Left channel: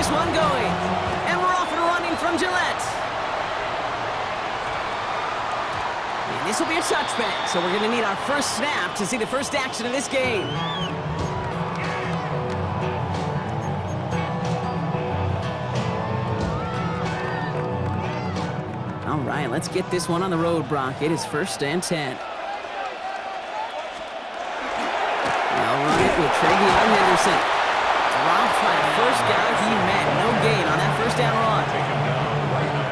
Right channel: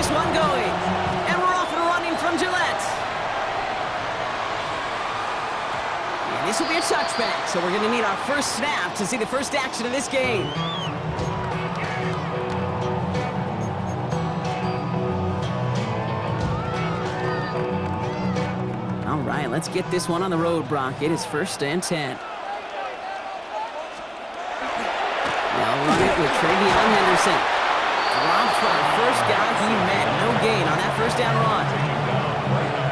this one going. And we're off and running from Gillette. And this will be a touchback, so we're going to need our first snap to see the first action of this game. All right, let's get this one on the road, Brock. It is 1st and 10. They'll run it with Travion Henderson. Dropped by the first guy he met. No gain on that first down run.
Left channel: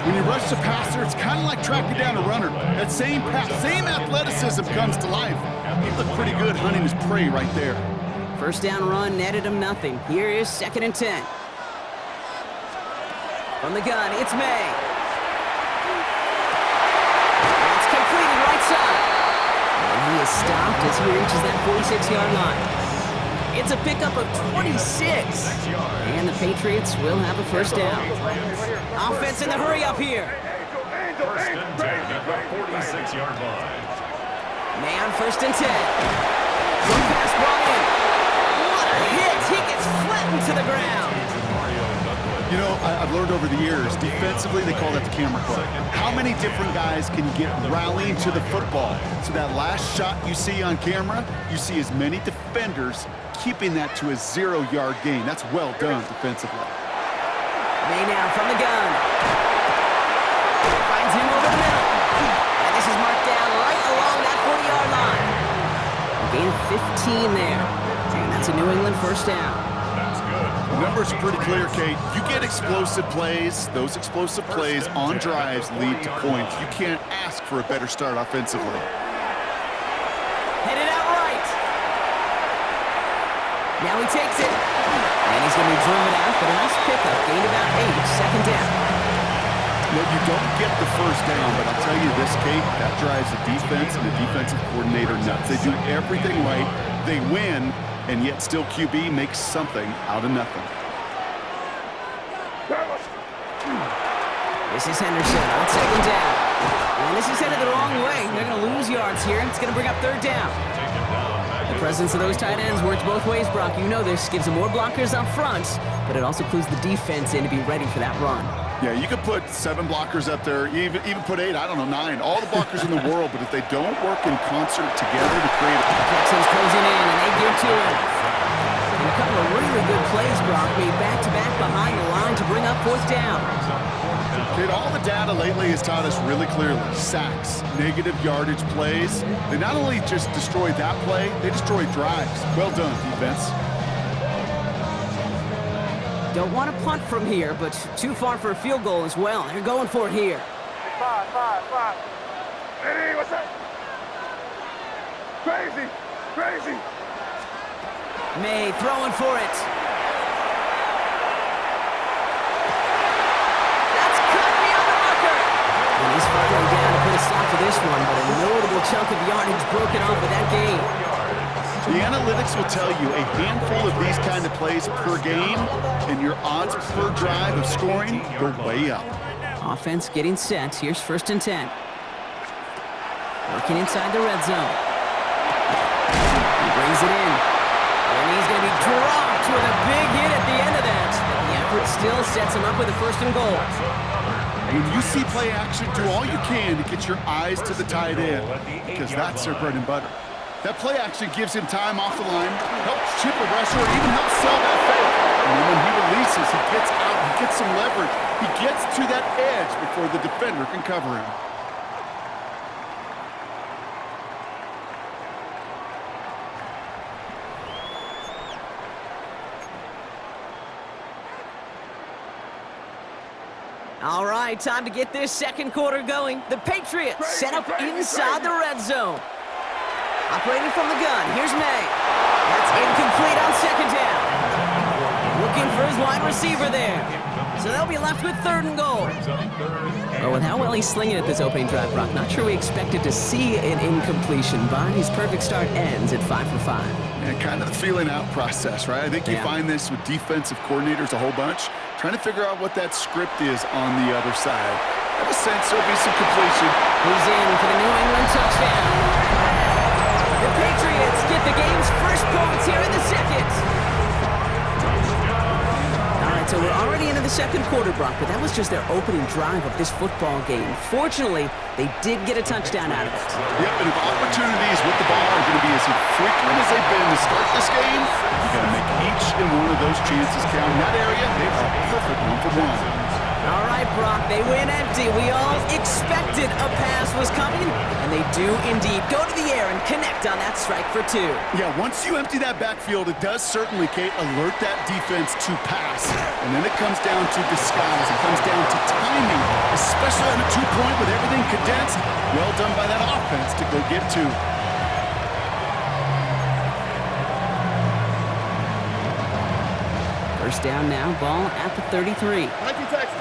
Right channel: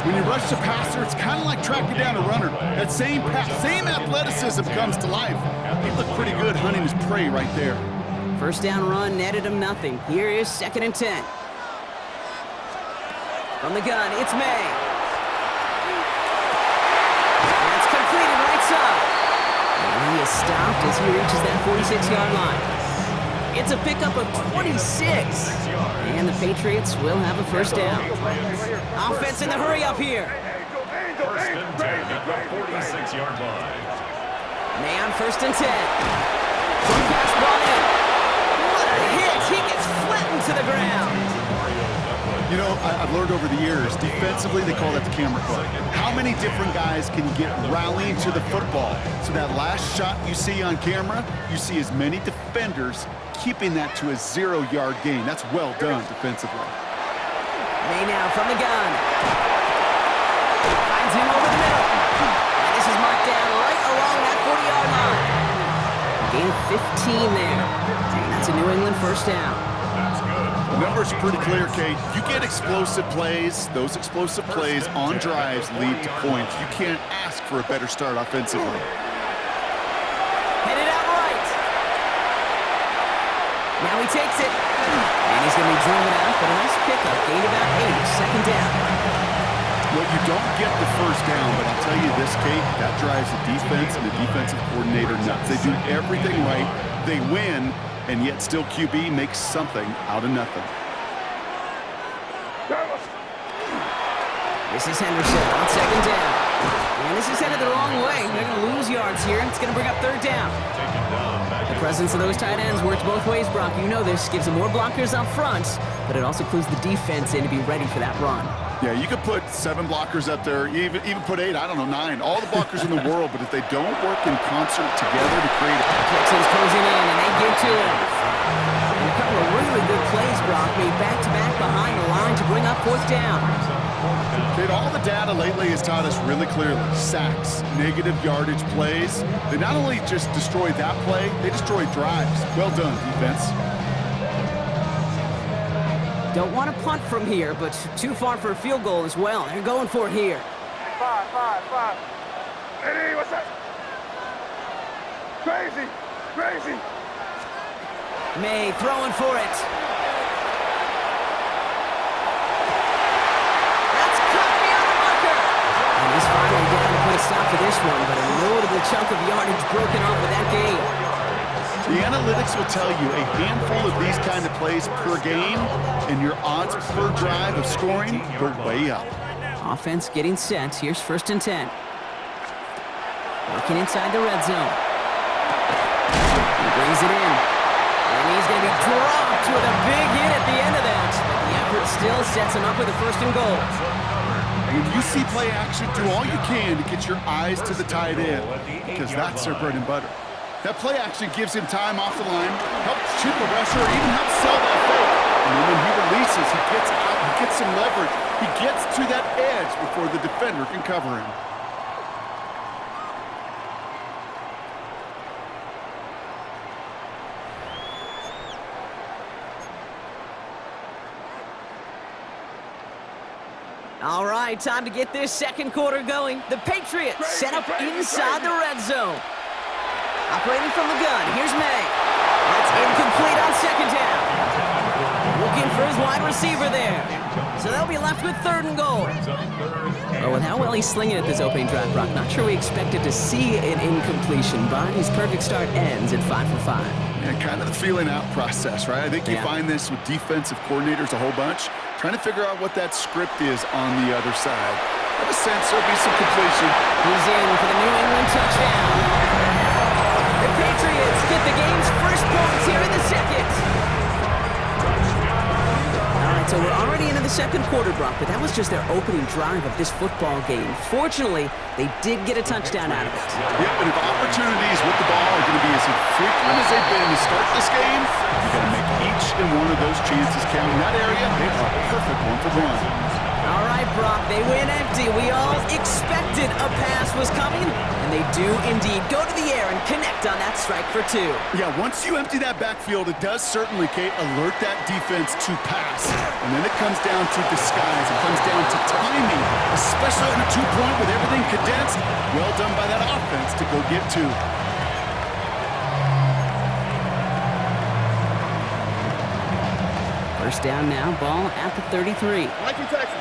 When you rush the passer, it's kind of like tracking down a runner. That same pass, same athleticism comes to life. He looked pretty good hunting his prey right there. First down run netted him nothing. Here is 2nd and 10. From the gun, it's May. That's completed right side. And he is stopped as he reaches that 46-yard line. It's a pickup of 26. And the Patriots will have a first down. Offense in the hurry up here. 1st and 10 at the 46-yard line. May on 1st and 10. Short pass brought in. What a hit. He gets flattened to the ground. You know, I've learned over the years, defensively, they call that the camera club. How many different guys can you get rallying to the football? So that last shot you see on camera, you see as many defenders keeping that to a 0-yard gain. That's well done defensively. May now from the gun. Finds him over the middle. And this is marked down right along that 40-yard line. A gain of 15 there. And that's a New England first down. That's good. The numbers are pretty clear, Kate. You get explosive plays. Those explosive plays on drives lead to points. You can't ask for a better start offensively. Headed out right. Now he takes it. And he's going to be driven out, but a nice pickup. Gained about 8. 2nd down. Well, you don't get the first down, but I'll tell you this, Kate, that drives the defense and the defensive coordinator nuts. They do everything right. They win, and yet still QB makes something out of nothing. This is Henderson on 2nd down. And this is headed the wrong way. They're going to lose yards here. It's going to bring up 3rd down. The presence of those tight ends works both ways, Brock. You know this. Gives them more blockers up front, but it also clues the defense in to be ready for that run. Yeah, you could put 7 blockers up there, even put 8, I don't know, 9. All the blockers in the world, but if they don't work in concert together to create a... Texans closing in, and they give to him. And a couple of really good plays, Brock, made back-to-back behind the line to bring up 4th down. Kate, all the data lately has taught us really clearly, sacks, negative yardage plays. They not only just destroyed that play, they destroyed drives. Well done, defense. Don't want to punt from here, but too far for a field goal as well. They're going for it here. 5. Eddie, what's that? Crazy. May throwing for it. That's cut beyond the marker. And he's finally down to put a stop to this one, but a notable chunk of yardage broken off with that game. The analytics will tell you a handful of these kind of plays per game, and your odds per drive of scoring go way up. Offense getting set. Here's 1st and 10. Working inside the red zone. He brings it in. And he's going to be dropped with a big hit at the end of that. But the effort still sets him up with a 1st and goal. When you see play action, do all you can to get your eyes to the tight end, because that's their bread and butter. That play action gives him time off the line, helps chip a rusher, or even helps sell that fake. And then when he releases, he gets out, he gets some leverage. He gets to that edge before the defender can cover him. All right, time to get this 2nd quarter going. The Patriots set up inside the red zone. Operating from the gun, here's May. That's incomplete on 2nd down. Looking for his wide receiver there. So they'll be left with 3rd and goal. Oh, with how well he's slinging at this opening drive, Brock, not sure we expected to see an incompletion, but his perfect start ends at 5 for 5. Yeah, kind of the feeling out process, right? I think you find this with defensive coordinators a whole bunch, trying to figure out what that script is on the other side. I have a sense there'll be some completion. He's in for the New England touchdown. The Patriots get the game's first points here in the 2nd. All right, So we're already into the second quarter, Brock, but that was just their opening drive of this football game. Fortunately, they did get a touchdown out of it. Yep, and if opportunities with the ball are going to be as frequent as they've been to start this game, you got to make each and one of those chances count. In that area, they are a perfect one-for-one. All right, Brock, they win empty. We all expected a pass was coming, and they do indeed go to the air and connect on that strike for 2. Yeah, once you empty that backfield, it does certainly, Kate, alert that defense to pass. And then it comes down to disguise. It comes down to timing, especially on a 2-point with everything condensed. Well done by that offense to go get 2. First down now, ball at the 33. Nike Texas.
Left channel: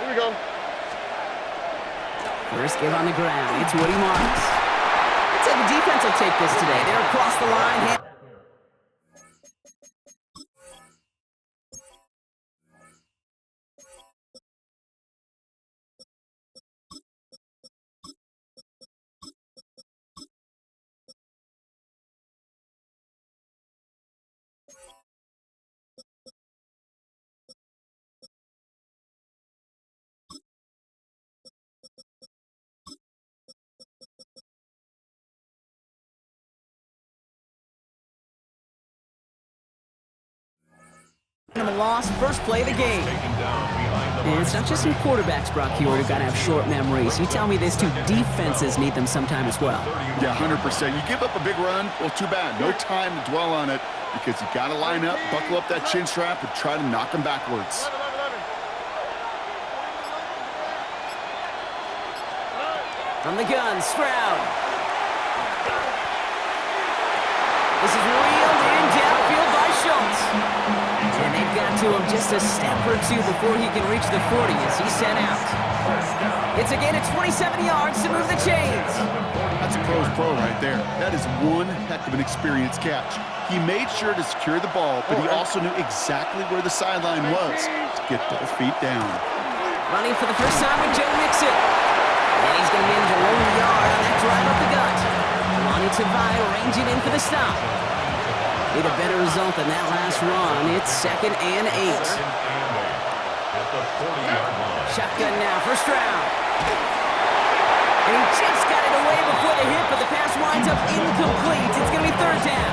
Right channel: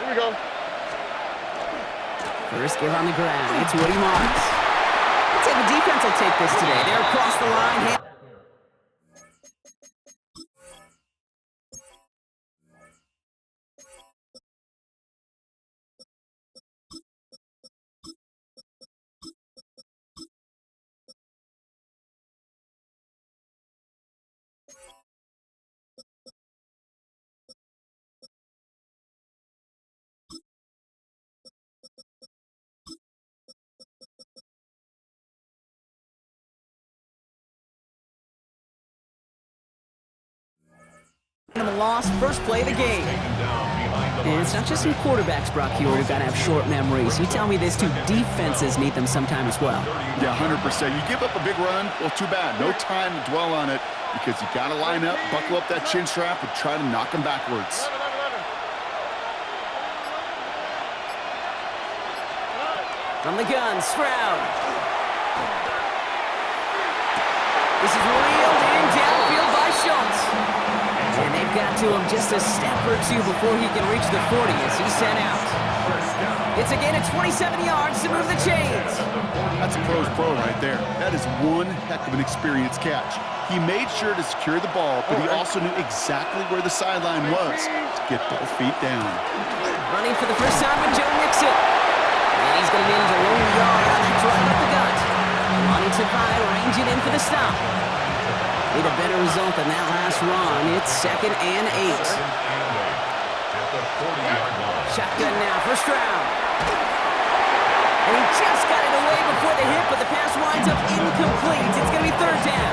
Here we go. First give on the ground, it's Woody Marks. I'd say the defense will take this today. They're across the line. A loss, first play of the game. And it's not just some quarterbacks, Brock, here who've got to have short memories. You tell me these two defenses need them sometime as well. Yeah, 100%. You give up a big run, well, too bad. No time to dwell on it because you got to line up, buckle up that chin strap, and try to knock them backwards. From the gun, Stroud. This is reeled in downfield by Schultz. And they've got to him just a step or 2 before he can reach the 40 as he's sent out. It's again at 27 yards to move the chains. That's a pro's pro right there. That is one heck of an experienced catch. He made sure to secure the ball, but he also knew exactly where the sideline was to get both feet down. Running for the first time with Joe Mixon. And he's going to manage a lone yard on that drive up the gut. Lonnie Tavai ranging in for the stop. Need a better result than that last run. It's 2nd and 8. At the 40-yard line. Shotgun now for Stroud. And he just got it away before the hit, but the pass winds up incomplete. It's going to be 3rd down.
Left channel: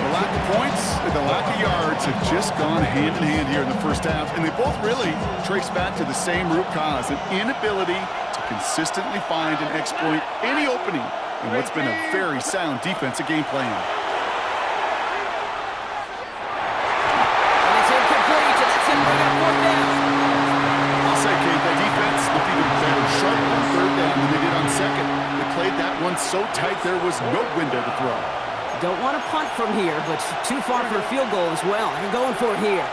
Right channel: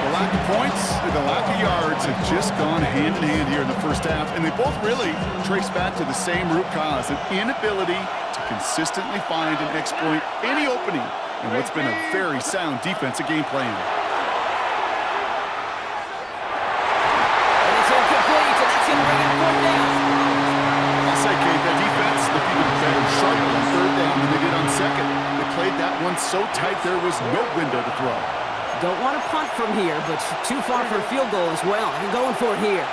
The lack of points and the lack of yards have just gone hand in hand here in the first half, and they both really trace back to the same root cause, an inability to consistently find and exploit any opening in what's been a very sound defensive game plan. And it's incomplete, and that's going to bring up 4th down. I'll say, Kate, that defense looked even better, sharper on 3rd down than they did on 2nd. They played that one so tight there was no window to throw. Don't want to punt from here, but too far for a field goal as well. They're going for it here.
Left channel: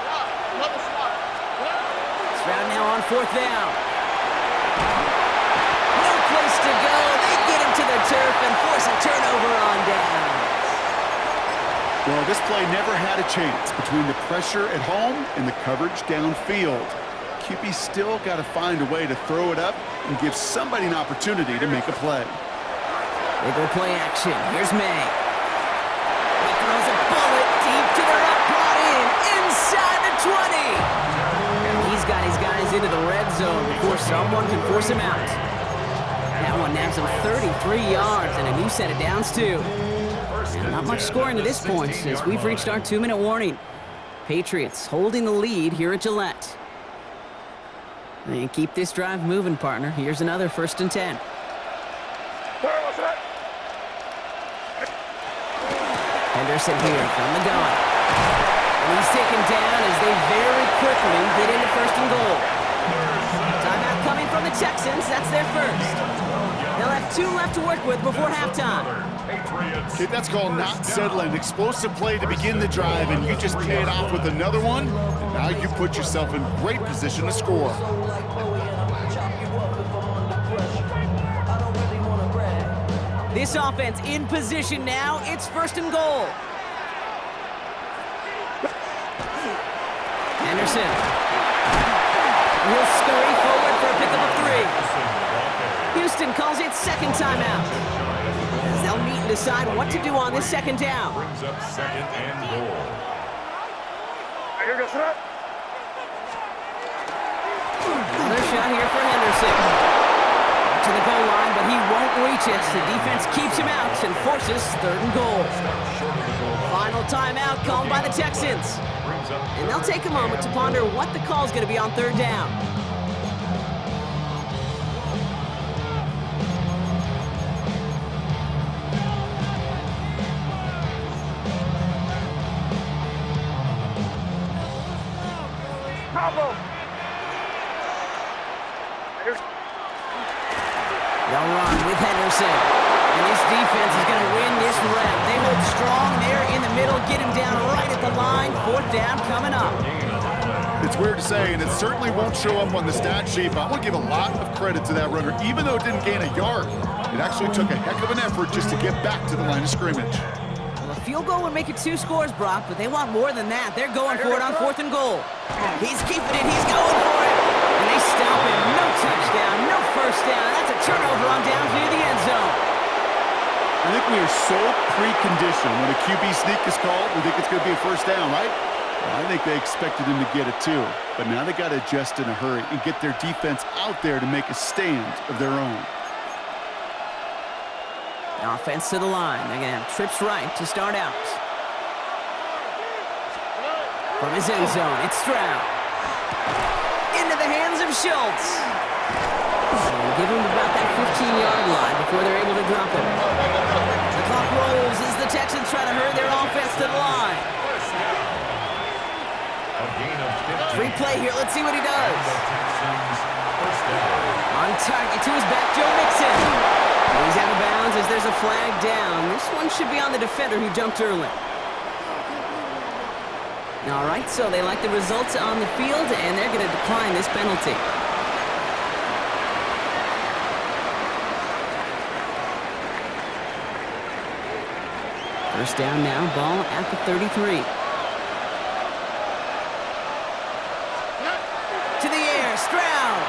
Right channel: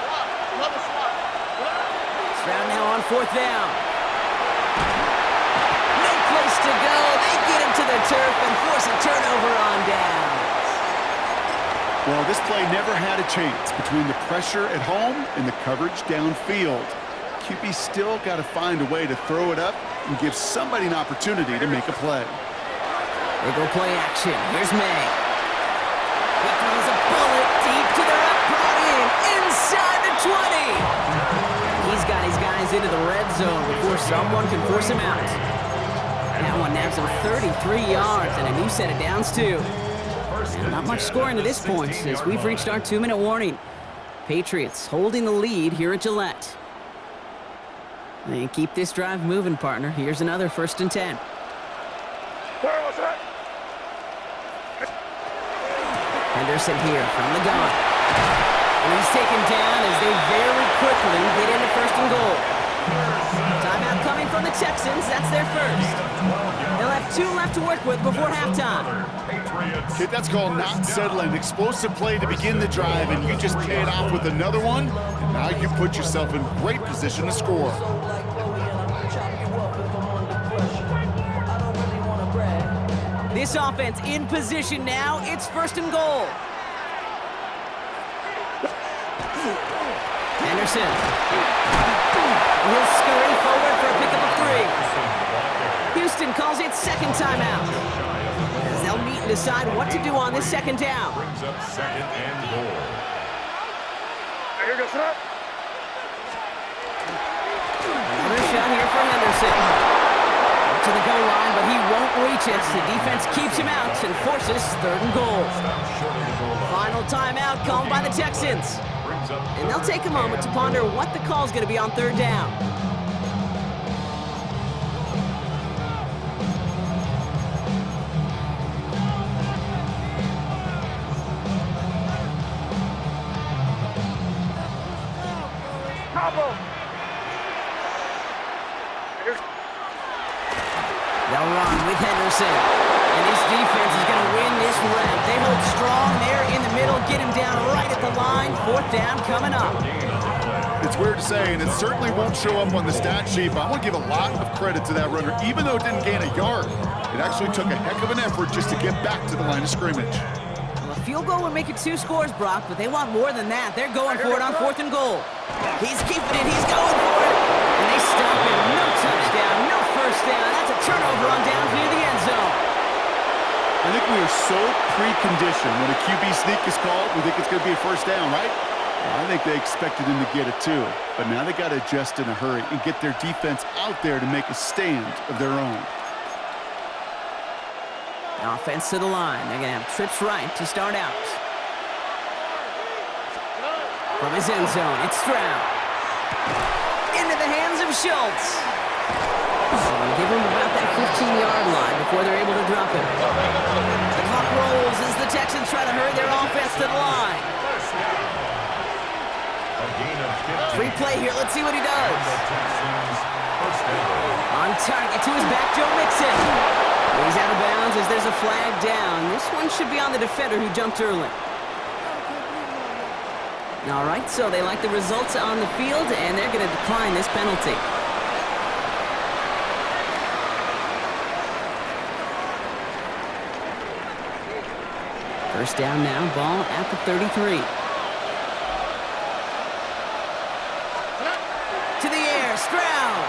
Stroud now on 4th down. No place to go. They get him to the turf and force a turnover on downs. Well, this play never had a chance between the pressure at home and the coverage downfield. QB still got to find a way to throw it up and give somebody an opportunity to make a play. They go play action. Here's May. He throws a bullet deep to the right, brought in inside the 20. He's got his guys into the red zone before someone can force him out. That one nabs him 33 yards and a new set of downs, too. Now, not much scoring to this point as we've reached our 2-minute warning. Patriots holding the lead here at Gillette. And keep this drive moving, partner. Here's another 1st and 10. Henderson here from the gun. And he's taken down as they very quickly get into 1st and goal. Timeout coming from the Texans. That's their first. They'll have 2 left to work with before halftime. Kid, that's called not settling. Explosive play to begin the drive, and you just pay it off with another one, and now you put yourself in great position to score. This offense in position now. It's 1st and goal. Henderson. He'll scurry forward for a pickup of 3. Houston calls it 2nd timeout. As they'll meet and decide what to do on this 2nd down. Brings up 2nd and goal. Another shot here for Henderson. Back to the goal line, but he won't reach it. The defense keeps him out and forces 3rd and goal. Final timeout called by the Texans. And they'll take a moment to ponder what the call is going to be on 3rd down. They'll run with Henderson. And this defense is going to win this round. They hold strong there in the middle, get him down right at the line. 4th down coming up. It's weird to say, and it certainly won't show up on the stat sheet, but I want to give a lot of credit to that runner. Even though it didn't gain a yard, it actually took a heck of an effort just to get back to the line of scrimmage. Well, a field goal would make it 2 scores, Brock, but they want more than that. They're going for it on 4th and goal. He's keeping it. He's going for it. And they stop him. No touchdown, no 1st down. That's a turnover on downs near the end zone. I think we are so preconditioned when a QB sneak is called, we think it's going to be a 1st down, right? Well, I think they expected him to get it too. But now they got to adjust in a hurry and get their defense out there to make a stand of their own. Offense to the line. They're going to have trips right to start out. From his end zone, it's Stroud. Into the hands of Schultz. Give him about that 15-yard line before they're able to drop him. The clock rolls as the Texans try to hurry their offense to the line. Free play here. Let's see what he does. On target to his back, Joe Mixon. He's out of bounds as there's a flag down. This one should be on the defender who jumped early. All right, so they like the results on the field, and they're going to decline this penalty. First down now, ball at the 33. To the air, Stroud.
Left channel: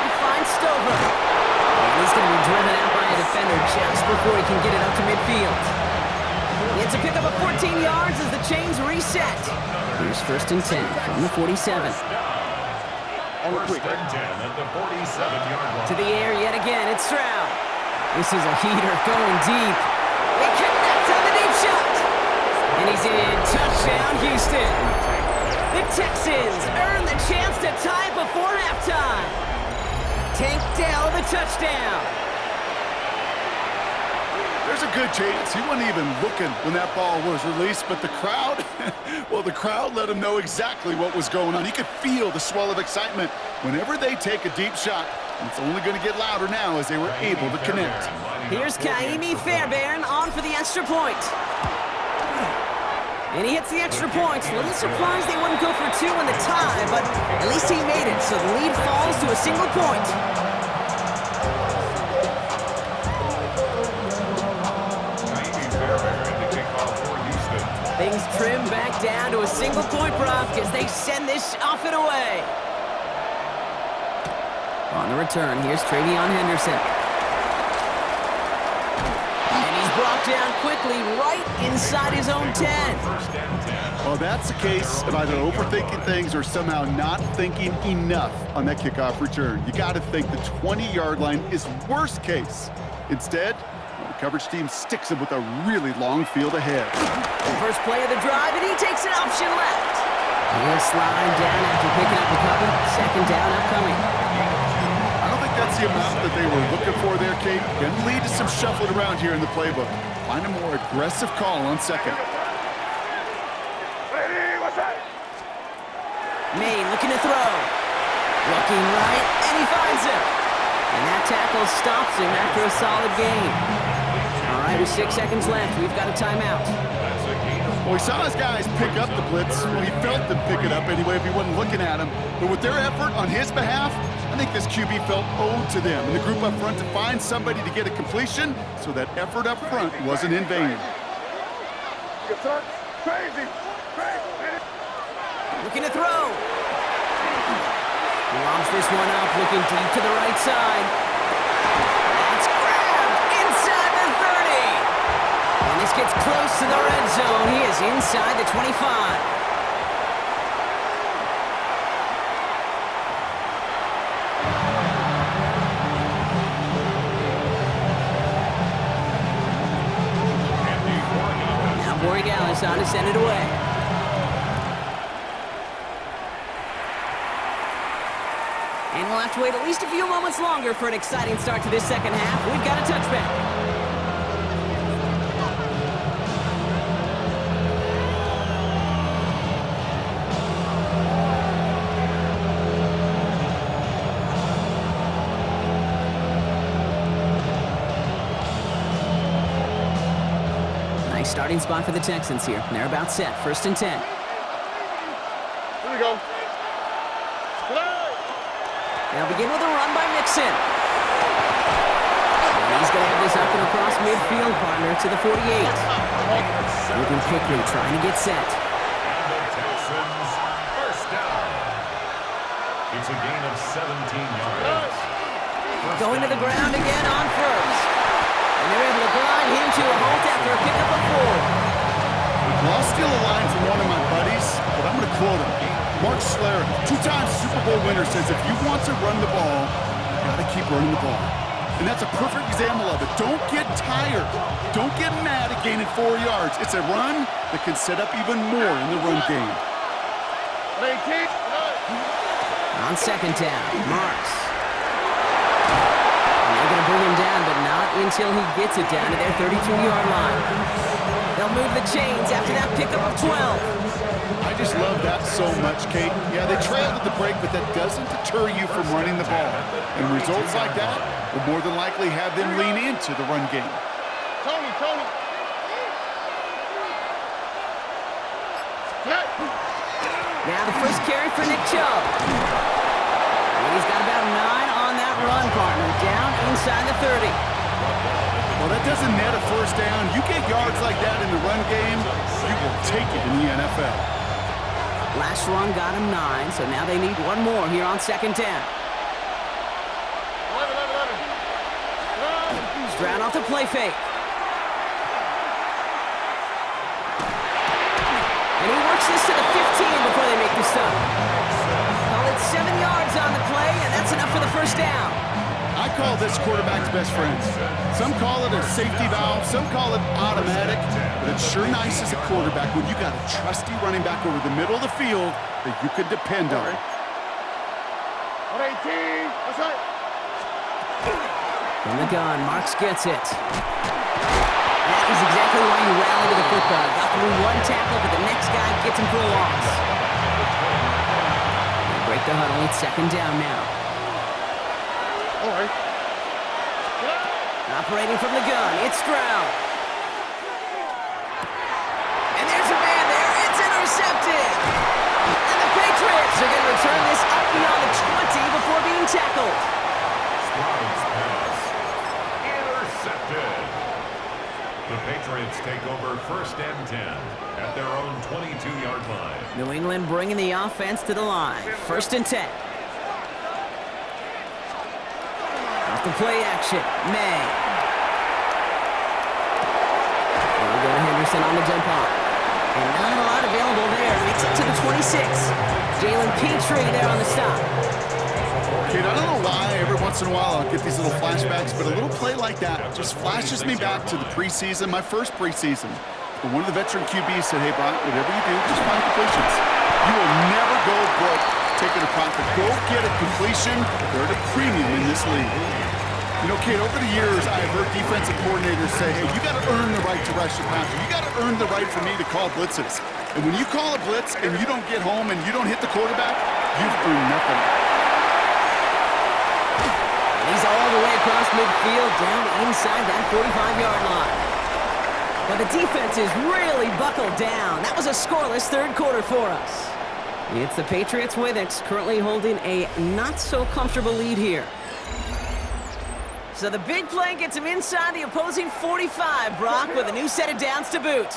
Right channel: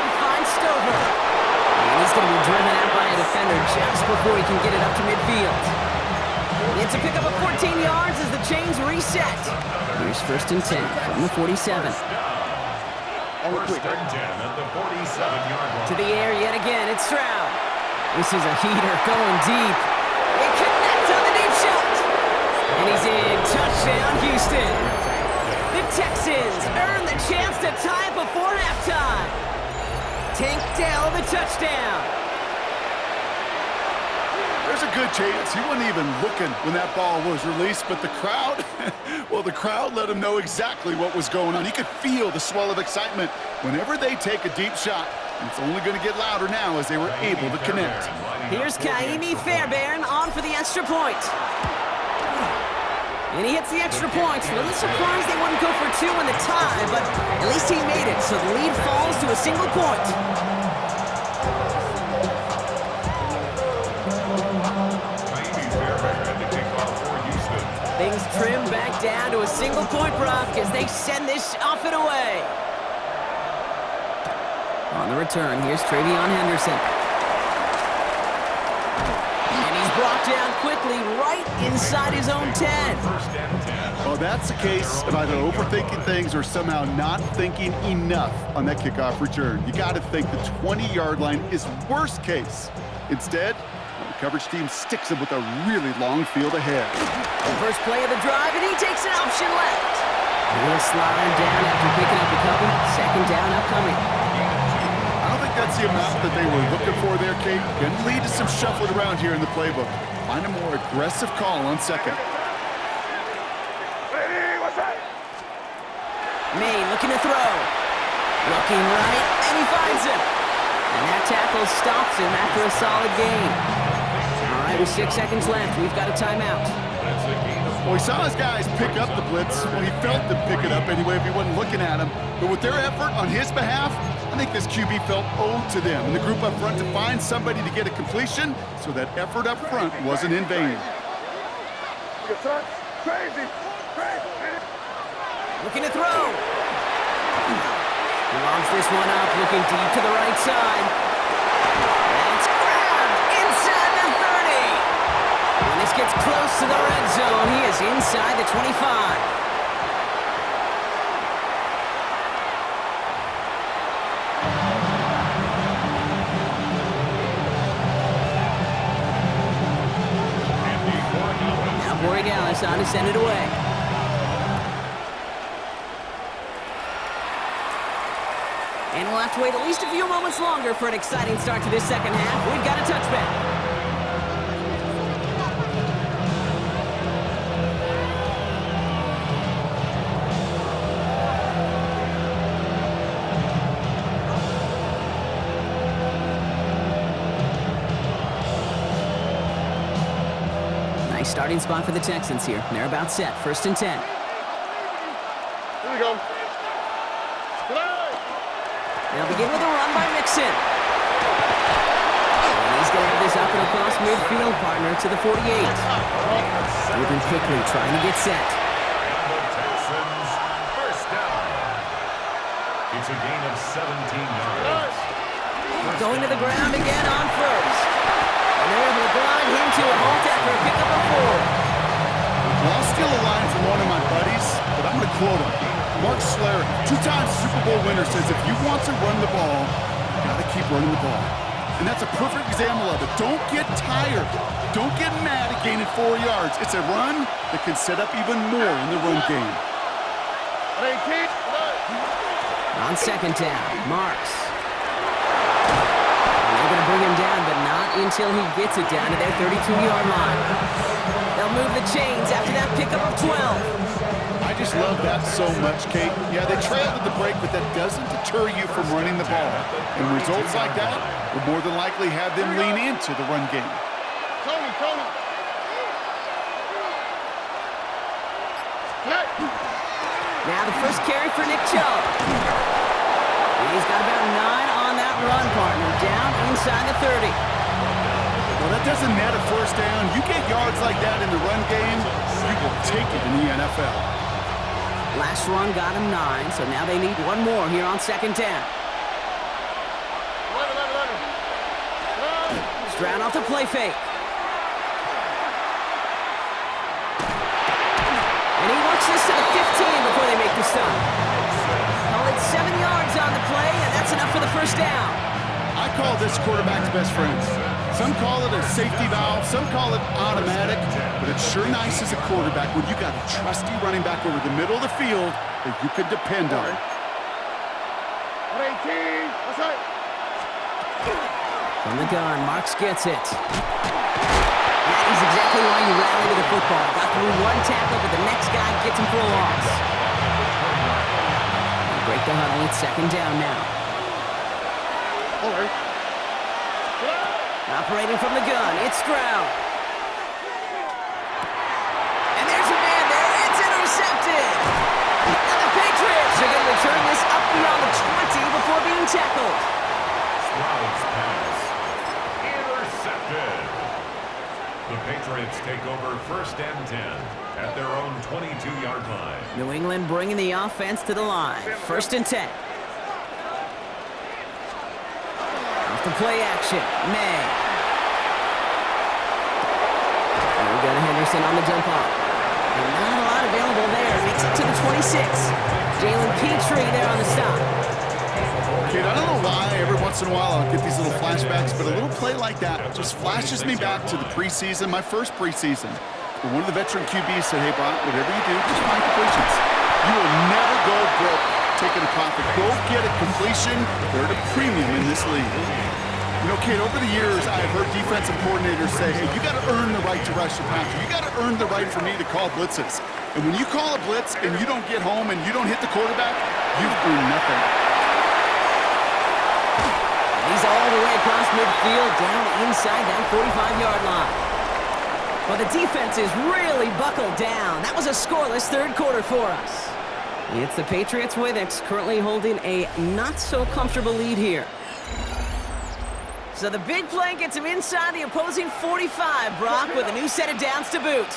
He finds Stover. And he's going to be driven out by a defender just before he can get it up to midfield. It's a pickup of 14 yards as the chains reset. Here's 1st and 10 from the 47. First and 10 at the 47-yard line. To the air yet again, it's Stroud. This is a heater going deep. They connect on the deep shot. And he's in. Touchdown, Houston. The Texans earn the chance to tie before halftime. Tank Dell the touchdown. There's a good chance he wasn't even looking when that ball was released, but the crowd, well, the crowd let him know exactly what was going on. He could feel the swell of excitement whenever they take a deep shot. And it's only going to get louder now as they were able to connect. Here's Kaimi Fairbairn on for the extra point. And he hits the extra point. A little surprised they wouldn't go for 2 in the tie, but at least he made it, so the lead falls to a single point. Kaimi Fairbairn to kick off for Houston. Things trim back down to a single point, Brock, as they send this off and away. On the return, here's Travion Henderson. And he's brought down quickly right inside his own 10. Well, that's the case of either overthinking things or somehow not thinking enough on that kickoff return. You got to think the 20-yard line is worst case. Instead, the coverage team sticks him with a really long field ahead. First play of the drive, and he takes an option left. He'll slide down after picking up a couple. 2nd down upcoming. I don't think that's the amount that they were looking for there, Kate. Can lead to some shuffling around here in the playbook. Find a more aggressive call on 2nd. May looking to throw. Looking right, and he finds him. And that tackle stops him after a solid gain. All right, with 6 seconds left, we've got a timeout. Well, he saw his guys pick up the blitz. Well, he felt them pick it up anyway if he wasn't looking at him. But with their effort on his behalf, I think this QB felt owed to them and the group up front to find somebody to get a completion, so that effort up front wasn't in vain. Looking to throw. He lobs this one up, looking deep to the right side. That's grabbed inside the 30. And And this gets close to the red zone. He is inside the 25. Now Borregales on to send it away. And we'll have to wait at least a few moments longer for an exciting start to this second half. We've got a touchback. Nice starting spot for the Texans here. They're about set. 1st and 10. Here we go. They'll begin with a run by Mixon. And he's going to have this up and across midfield, partner, to the 48. Moving quickly, trying to get set. And the Texans, first down. It's a gain of 17 yards. Going to the ground again on first. And they're able to grind him to a halt after a pickup of 4. Well, I'll steal a line from one of my buddies, but I'm going to quote him. Mark Schler, 2-time Super Bowl winner, says if you want to run the ball, you got to keep running the ball. And that's a perfect example of it. Don't get tired. Don't get mad at gaining 4 yards. It's a run that can set up even more in the run game. On 2nd down, Marks. And they're going to bring him down, but not until he gets it down to their 32-yard line. They'll move the chains after that pickup of 12. I just love that so much, Kate. Yeah, they trailed at the break, but that doesn't deter you from running the ball. And results like that will more than likely have them lean into the run game. Tony. Now the first carry for Nick Chubb. And he's got about 9 on that run, partner, down inside the 30. Well, that doesn't net a first down. You get yards like that in the run game, you will take it in the NFL. Last run got him 9, so now they need one more here on 2nd down. 11. Stroud off the play fake. And he works this to the 15 before they make the stop. Call it 7 yards on the play, and that's enough for the first down. I call this quarterback's best friend. Some call it a safety valve, some call it automatic, but it's sure nice as a quarterback when you got a trusty running back over the middle of the field that you could depend on. 118. That's right. From the gun, Marks gets it. That is exactly why you rally to the football. Got through one tackle, but the next guy gets him for a loss. They break the huddle. It's 2nd down now. All right. Operating from the gun, it's Stroud. And there's a man there. It's intercepted. And the Patriots are going to return this up beyond the 20 before being tackled. Stroud's pass. Intercepted. The Patriots take over 1st and 10 at their own 22-yard line. New England bringing the offense to the line. 1st and 10. Off the play action, May. We've got Henderson on the dump off. And not a lot available there. Makes it to the 26. Jalen Petrie there on the stop. Kate, I don't know why every once in a while I'll get these little flashbacks, but a little play like that just flashes me back to the preseason, my first preseason. But one of the veteran QBs said, hey, Brock, whatever you do, just find completions. You will never go broke taking a profit. Go get a completion. They're at a premium in this league. You know, Kate, over the years, I've heard defensive coordinators say, hey, you got to earn the right to rush the passer. You got to earn the right for me to call blitzes. And when you call a blitz and you don't get home and you don't hit the quarterback, you've earned nothing. And he's all the way across midfield, down inside that 45-yard line. Well, the defense is really buckled down. That was a scoreless 3rd quarter for us. It's the Patriots with it, currently holding a not-so-comfortable lead here. So the big play gets him inside the opposing 45, Brock, with a new set of downs to boot.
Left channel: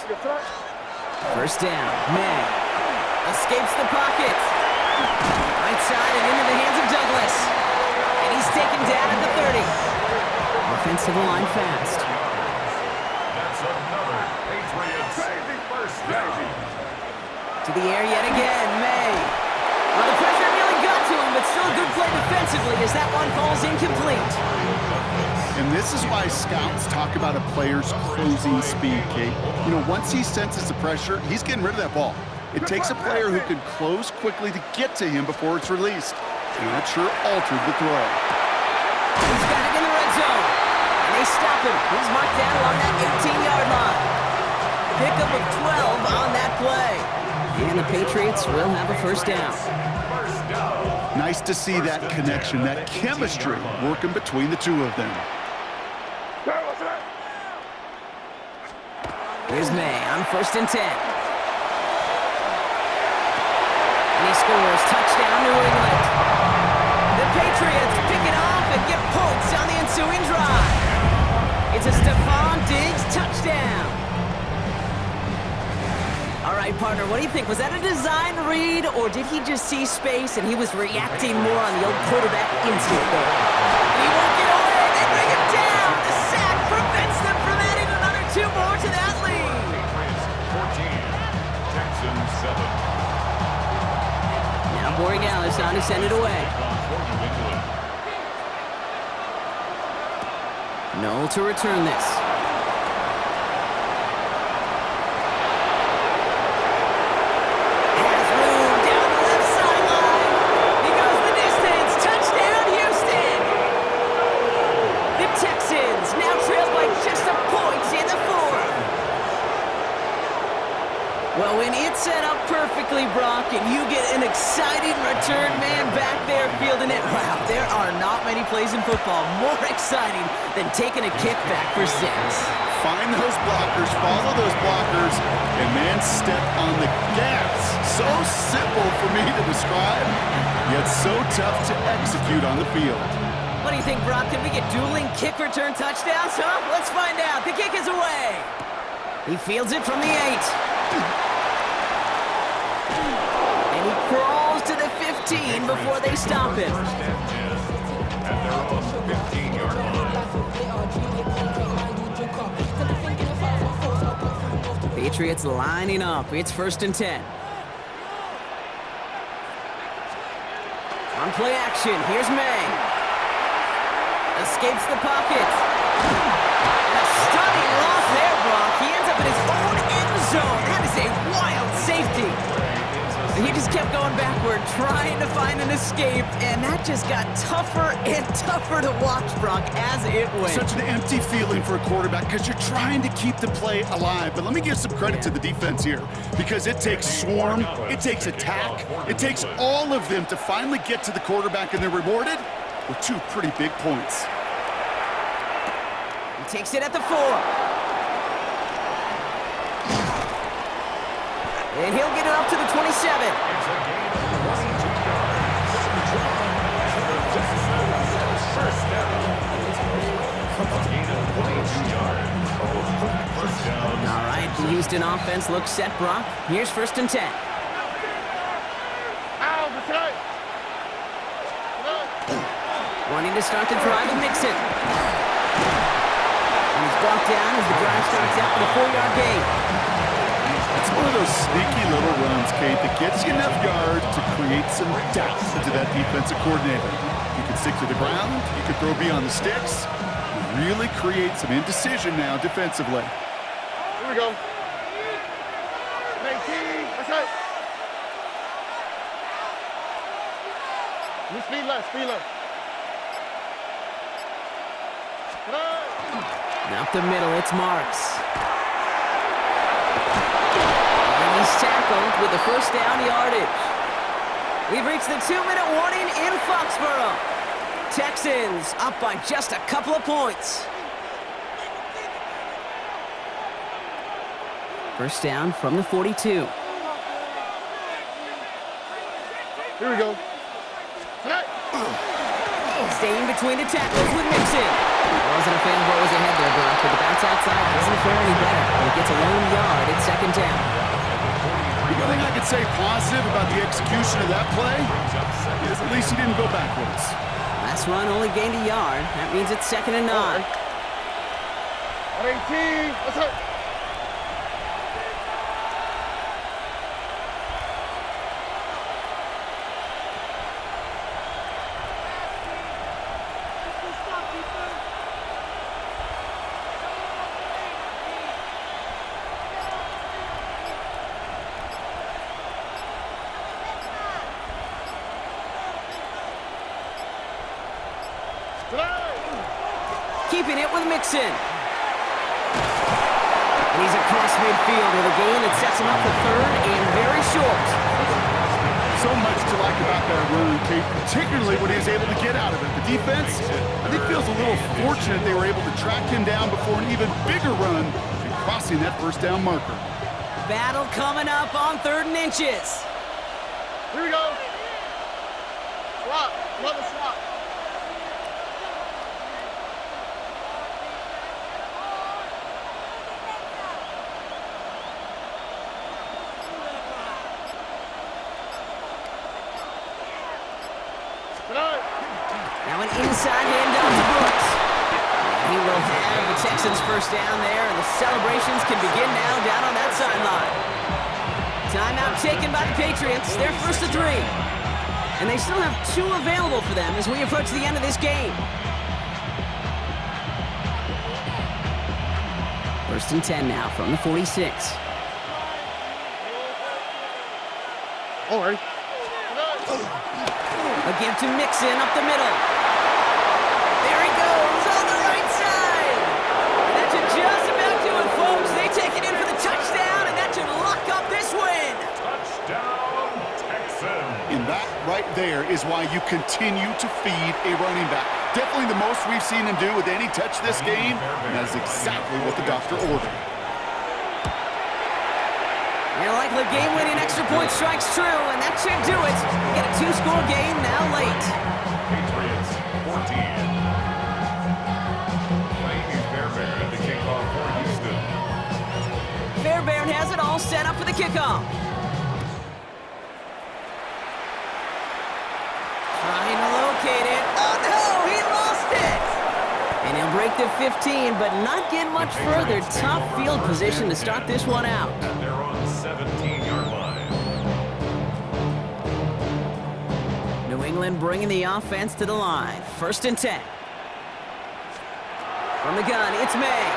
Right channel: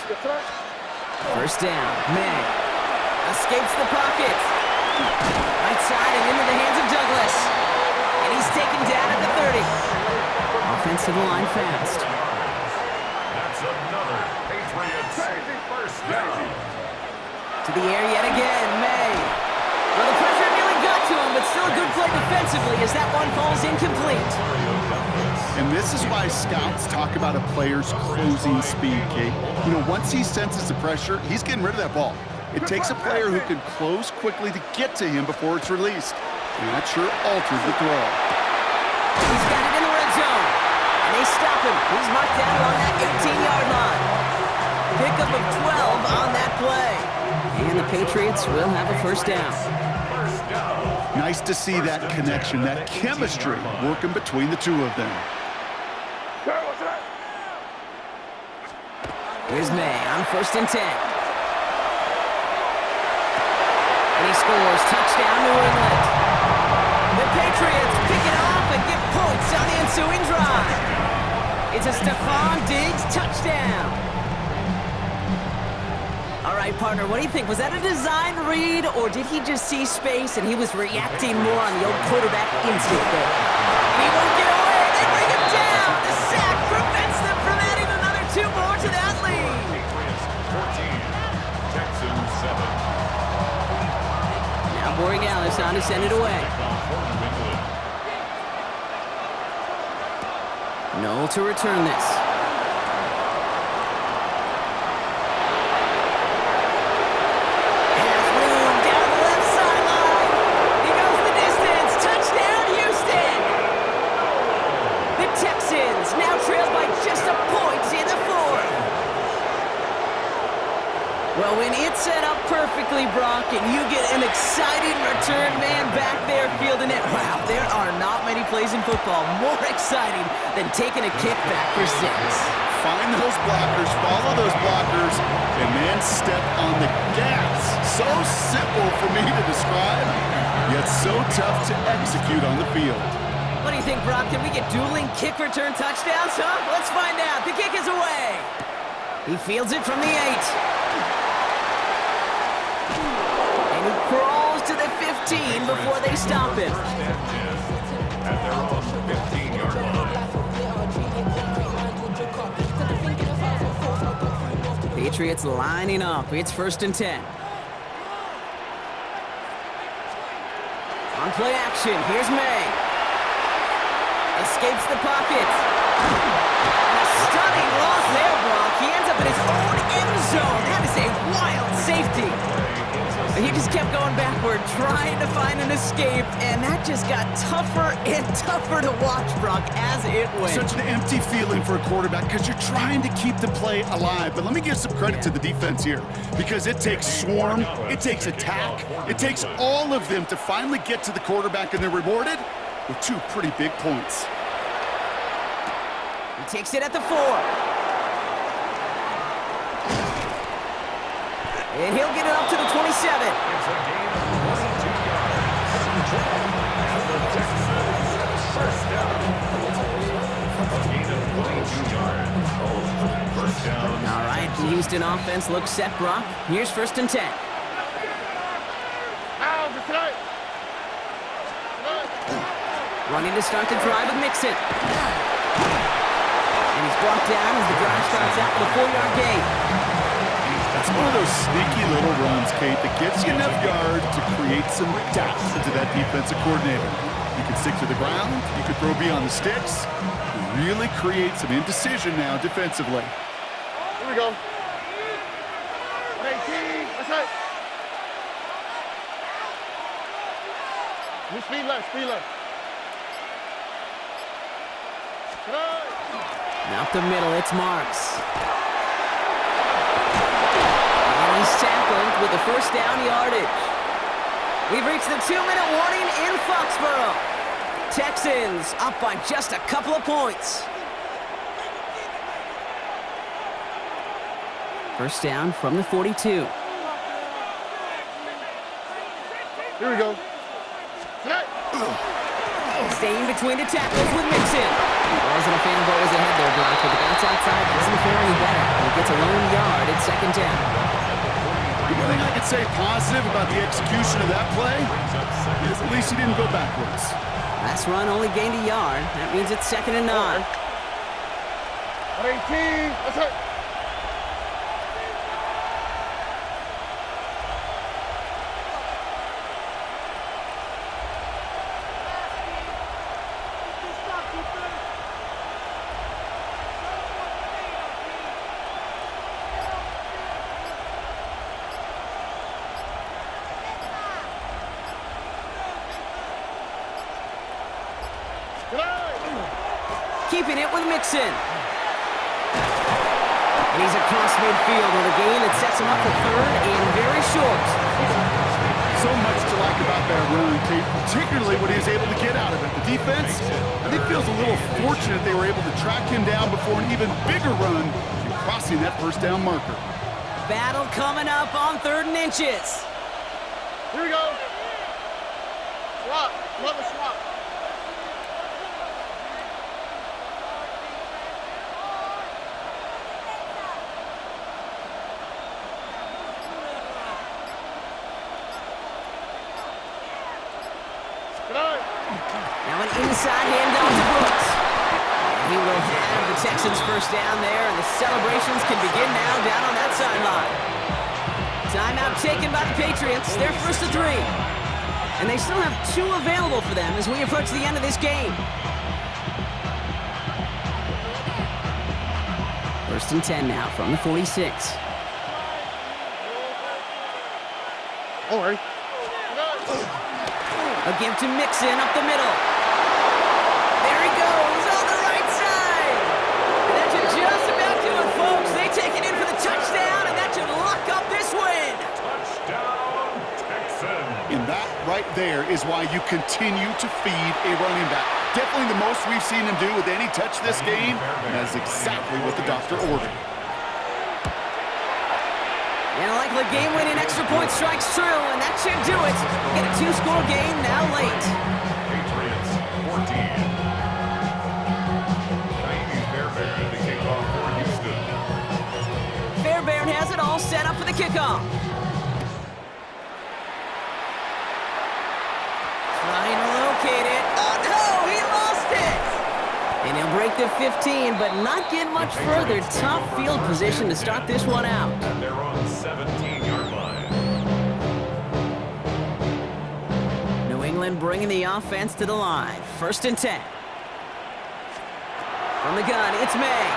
1st down, May. Escapes the pocket. Right side and into the hands of Douglas. And he's taken down at the 30. Offense to the line fast. That's That's another Patriots first down. To the air yet again, May. Well, the pressure nearly got to him, but still a good play defensively as that one falls incomplete. And this is why scouts talk about a player's closing speed, Kate. You know, once he senses the pressure, he's getting rid of that ball. It takes a player who can close quickly to get to him before it's released. And that sure altered the throw. He's got it in the red zone. And they stop him. He's marked down along that 18-yard line. Pickup of 12 on that play. And the Patriots will have a first down. Nice to see that connection, that chemistry working between the two of them. Here's May on 1st and 10. And he scores. Touchdown, New England. The Patriots pick it off and get points on the ensuing drive. It's a Stephon Diggs touchdown. All right, partner, what do you think? Was that a design read, or did he just see space and he was reacting more on the old quarterback instinct there? And he won't get away. They bring him down. The sack prevents them from adding another 2 more to that lead. Patriots 14, Texans 7. Now Borregales on to send it away. Noel to return this. Has room down the left sideline. He goes the distance. Touchdown, Houston. The Texans now trailed by just a point in the 4th. Well, when it's set up perfectly, Brock, and you get an exciting return man back there fielding it, wow, there are not many plays in football more exciting than taking a kick back for 6. Find those blockers, follow those blockers, and man, step on the gas. So simple for me to describe, yet so tough to execute on the field. What do you think, Brock? Can we get dueling kick return touchdowns, huh? Let's find out. The kick is away. He fields it from the 8. And he crawls to the 15 before they stop him. First and 10 at their own 15-yard line. Patriots lining up. It's 1st and 10. On play action, here's May. Escapes the pocket. And a stunning loss there, Brock. He ends up in his own end zone. That is a wild safety. He just kept going backward, trying to find an escape, and that just got tougher and tougher to watch, Brock, as it went. Such an empty feeling for a quarterback because you're trying to keep the play alive. But let me give some credit to the defense here because it takes swarm, it takes attack, it takes all of them to finally get to the quarterback, and they're rewarded with 2 pretty big points. He takes it at the 4. And he'll get it up to the 27. It's a gain of 22 yards. And the Texans first down. A gain of 22 yards. First down. All right, the Houston offense looks set, Brock. Here's 1st and 10. Wanting to start the drive with Mixon. And he's brought down as the drive starts out with a 4-yard gain. That's one of those sneaky little runs, Kate, that gets you enough yards to create some doubt into that defensive coordinator. You can stick to the ground, you can throw beyond the sticks, you really create some indecision now defensively. Here we go. 18, that's it. You speed left, speed left. Up the middle, it's Marks. And he's tackled with the first down yardage. We've reached the 2-minute warning in Foxborough. Texans up by just a couple of points. First down from the 42. Here we go. Staying between the tackles with Mixon. Wasn't a fan of what was ahead there, Brock, but the bounce outside doesn't fare any better. He gets a lone yard at 2nd down. The only thing I could say positive about the execution of that play is at least he didn't go backwards. Last run only gained a yard. That means it's 2nd and 9. 18, that's it. keeping it with Mixon. And he's across midfield with a gain that sets him up for third and very short. So much to like about that run, Kate, particularly what he was able to get out of it. The defense, I think, feels a little fortunate they were able to track him down before an even bigger run and crossing that first down marker. Battle coming up on 3rd and inches. Here we go. Swap. Another swap. Now an inside handoff to Brooks. And he will have the Texans first down there, and the celebrations can begin now down on that sideline. Timeout taken by the Patriots. They're first to 3. And they still have 2 available for them as we approach the end of this game. 1st and 10 now from the 46. All right. A give to Mixon up the middle. There he goes on the right side. And that should just about do it, folks. They take it in for the touchdown, and that should lock up this win. Touchdown, Texans. And that right there is why you continue to feed a running back. Definitely the most we've seen him do with any touch this game, and that's exactly what the doctor ordered. And a likely game-winning extra point strikes true, and that should do it. Get a 2-score game now late. Patriots 14. Kaimi Fairbairn to kick off for Houston. Fairbairn has it all set up for the kickoff. Trying to locate it. Oh, no! He lost it! And he'll break the 15, but not get much further. Tough field position to start this one out. At their own 17-yard line. New England bringing the offense to the line. 1st and 10. From the gun, it's May.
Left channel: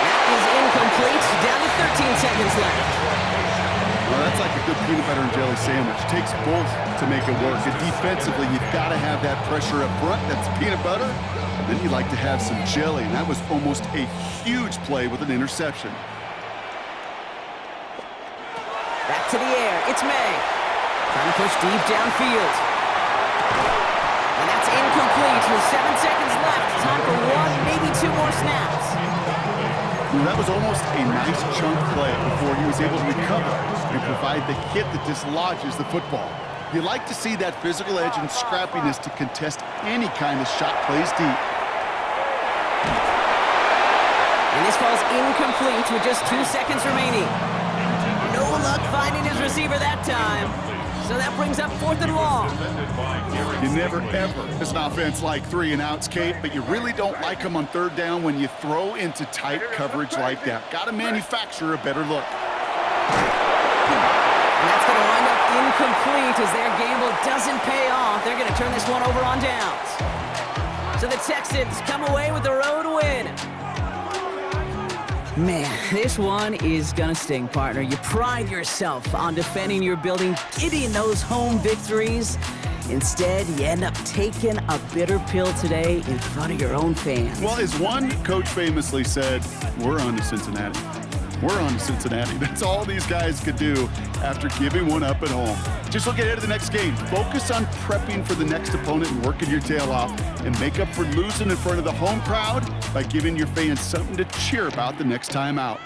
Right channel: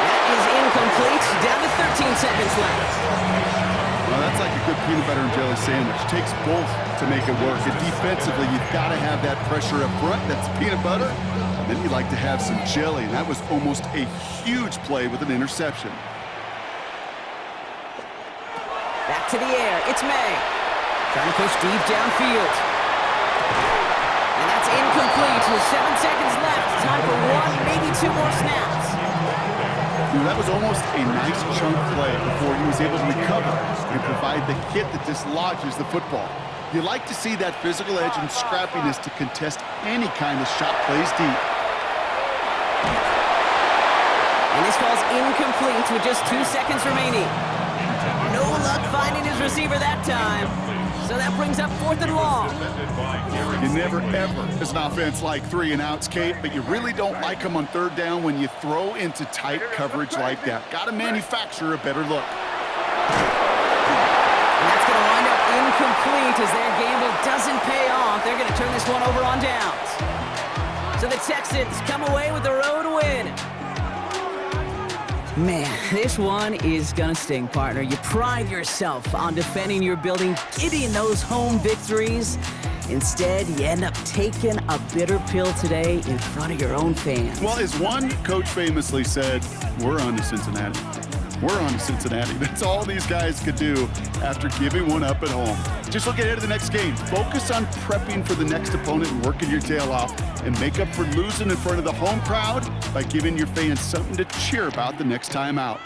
That is incomplete. Down to 13 seconds left. Well, that's like a good peanut butter and jelly sandwich. Takes both to make it work. And defensively, you've got to have that pressure up front. That's peanut butter. And then you like to have some jelly. And that was almost a huge play with an interception. Back to the air. It's May. Trying to push deep downfield. And that's incomplete with 7 seconds left. Time for 1, maybe 2 more snaps. You know, that was almost a nice chunk play before he was able to recover and provide the hit that dislodges the football. You like to see that physical edge and scrappiness to contest any kind of shot plays deep. And this falls incomplete with just 2 seconds remaining. No luck finding his receiver that time. So that brings up 4th and long. You never, ever, as an offense, like 3 and outs, Kate, but you really don't like them on 3rd down when you throw into tight coverage like that. Got to manufacture a better look. And that's going to wind up incomplete as their gamble doesn't pay off. They're going to turn this one over on downs. So the Texans come away with the road win. Man, this one is gonna sting, partner. You pride yourself on defending your building, getting those home victories. Instead, you end up taking a bitter pill today in front of your own fans. Well, as one coach famously said, we're on to Cincinnati. We're on to Cincinnati. That's all these guys could do after giving one up at home. Just look ahead to the next game. Focus on prepping for the next opponent and working your tail off, and make up for losing in front of the home crowd by giving your fans something to cheer about the next time out.